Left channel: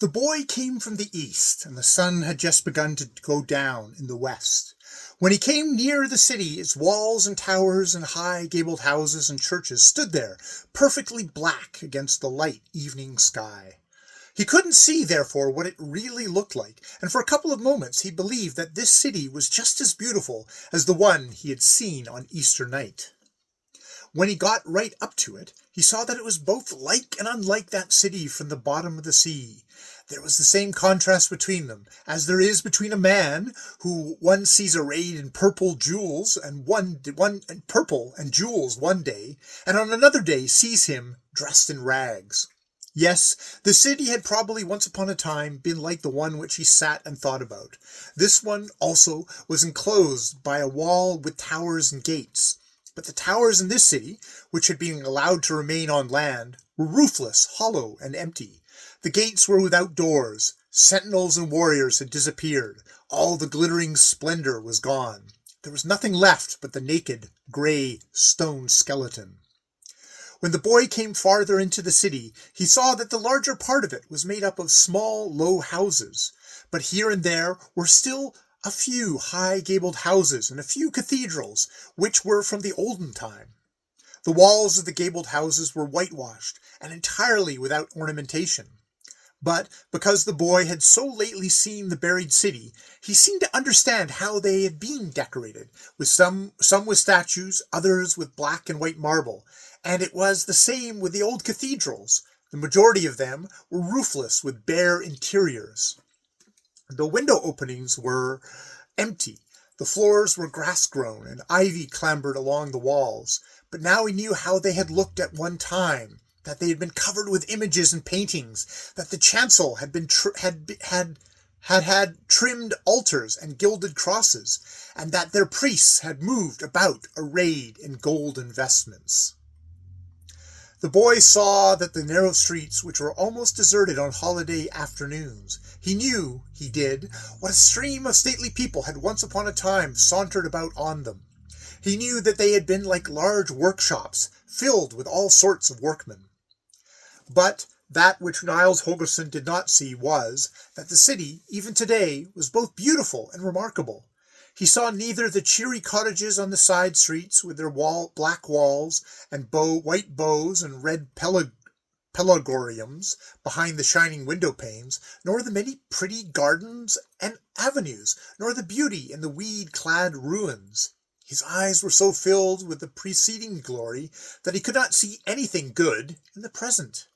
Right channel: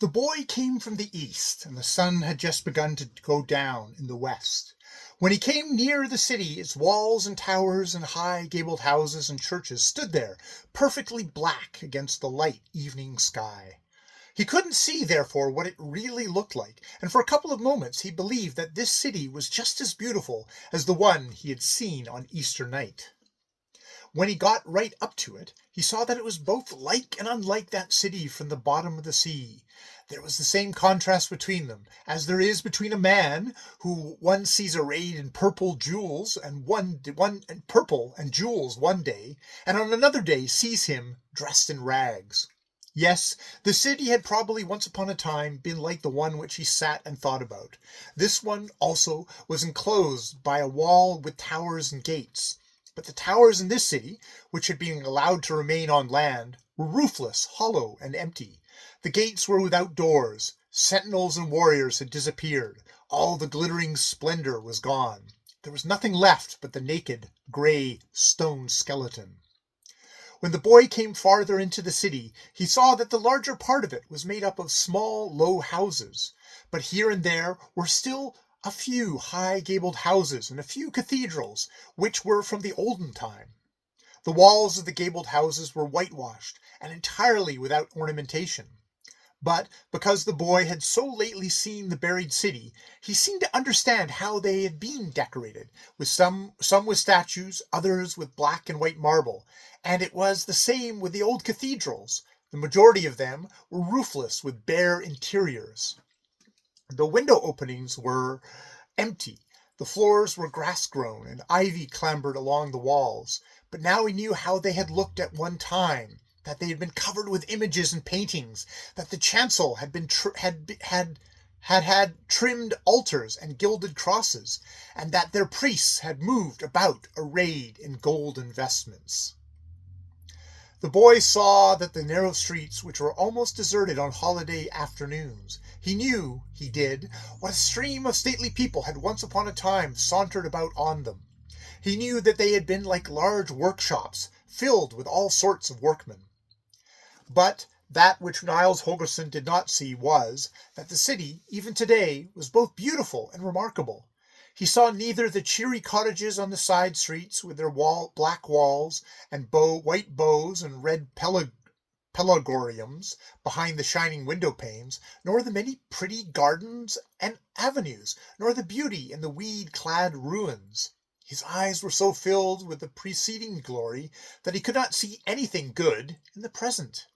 The boy came from the east, and the sun had just begun to go down in the west. When he came near the city, its walls and towers and high gabled houses and churches stood there, perfectly black against the light evening sky. He couldn't see, therefore, what it really looked like, and for a couple of moments he believed that this city was just as beautiful as the one he had seen on Easter night. When he got right up to it, he saw that it was both like and unlike that city from the bottom of the sea. There was the same contrast between them, as there is between a man who one sees arrayed in purple jewels and purple and jewels one day, and on another day sees him dressed in rags. Yes, the city had probably once upon a time been like the one which he sat and thought about. This one also was enclosed by a wall with towers and gates. But the towers in this city, which had been allowed to remain on land, were roofless, hollow, and empty. The gates were without doors. Sentinels and warriors had disappeared. All the glittering splendor was gone. There was nothing left but the naked, grey, stone skeleton. When the boy came farther into the city, he saw that the larger part of it was made up of small, low houses. But here and there were still a few high-gabled houses and a few cathedrals, which were from the olden time. The walls of the gabled houses were whitewashed and entirely without ornamentation. But because the boy had so lately seen the buried city, he seemed to understand how they had been decorated, with some with statues, others with black and white marble, and it was the same with the old cathedrals. The majority of them were roofless with bare interiors. The window openings were empty. The floors were grass-grown, and ivy clambered along the walls. But now he knew how they had looked at one time, that they had been covered with images and paintings, that the chancel had trimmed altars and gilded crosses, and that their priests had moved about arrayed in golden vestments. The boy saw that the narrow streets, which were almost deserted on holiday afternoons, he knew, he did, what a stream of stately people had once upon a time sauntered about on them. He knew that they had been like large workshops, filled with all sorts of workmen. But that which Niles Holgerson did not see was, that the city, even today, was both beautiful and remarkable. He saw neither the cheery cottages on the side streets with their black walls and white bows and red pelargoniums behind the shining window panes, nor the many pretty gardens and avenues, nor the beauty in the weed-clad ruins. His eyes were so filled with the preceding glory that he could not see anything good in the present.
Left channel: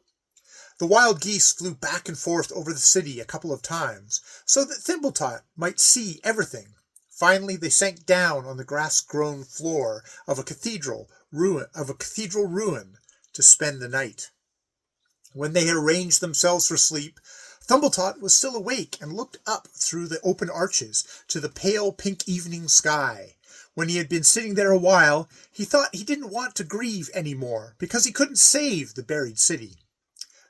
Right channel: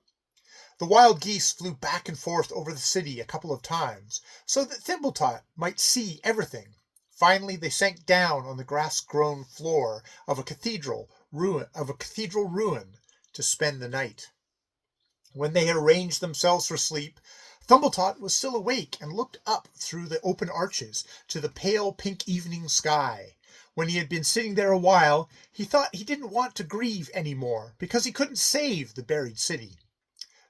The wild geese flew back and forth over the city a couple of times, so that Thimbletot might see everything. Finally, they sank down on the grass-grown floor of a cathedral ruin to spend the night. When they had arranged themselves for sleep, Thumbletot was still awake and looked up through the open arches to the pale pink evening sky. When he had been sitting there a while, he thought he didn't want to grieve any more, because he couldn't save the buried city.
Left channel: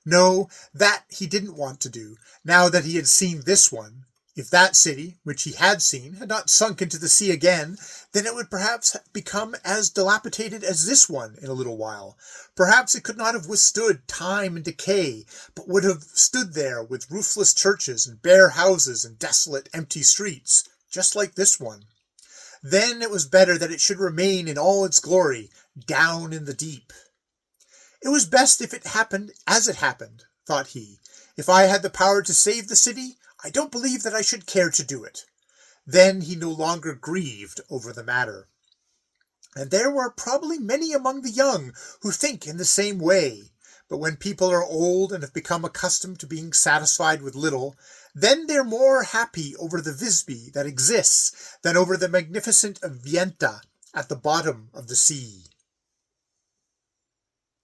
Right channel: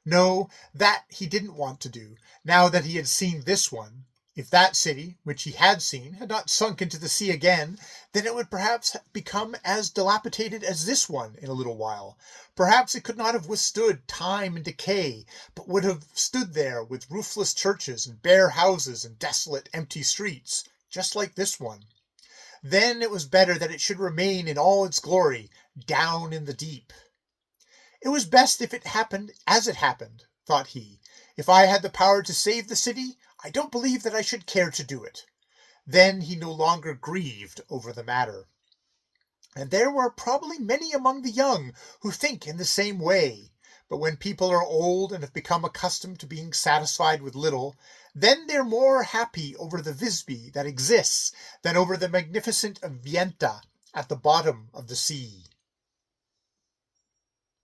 No, that he didn't want to do, now that he had seen this one. If that city, which he had seen, had not sunk into the sea again, then it would perhaps become as dilapidated as this one in a little while. Perhaps it could not have withstood time and decay, but would have stood there with roofless churches and bare houses and desolate, empty streets, just like this one. Then it was better that it should remain in all its glory, down in the deep. It was best if it happened as it happened, thought he. If I had the power to save the city, I don't believe that I should care to do it. Then he no longer grieved over the matter. And there were probably many among the young who think in the same way. But when people are old and have become accustomed to being satisfied with little, then they're more happy over the Visby that exists than over the magnificent Vienta at the bottom of the sea.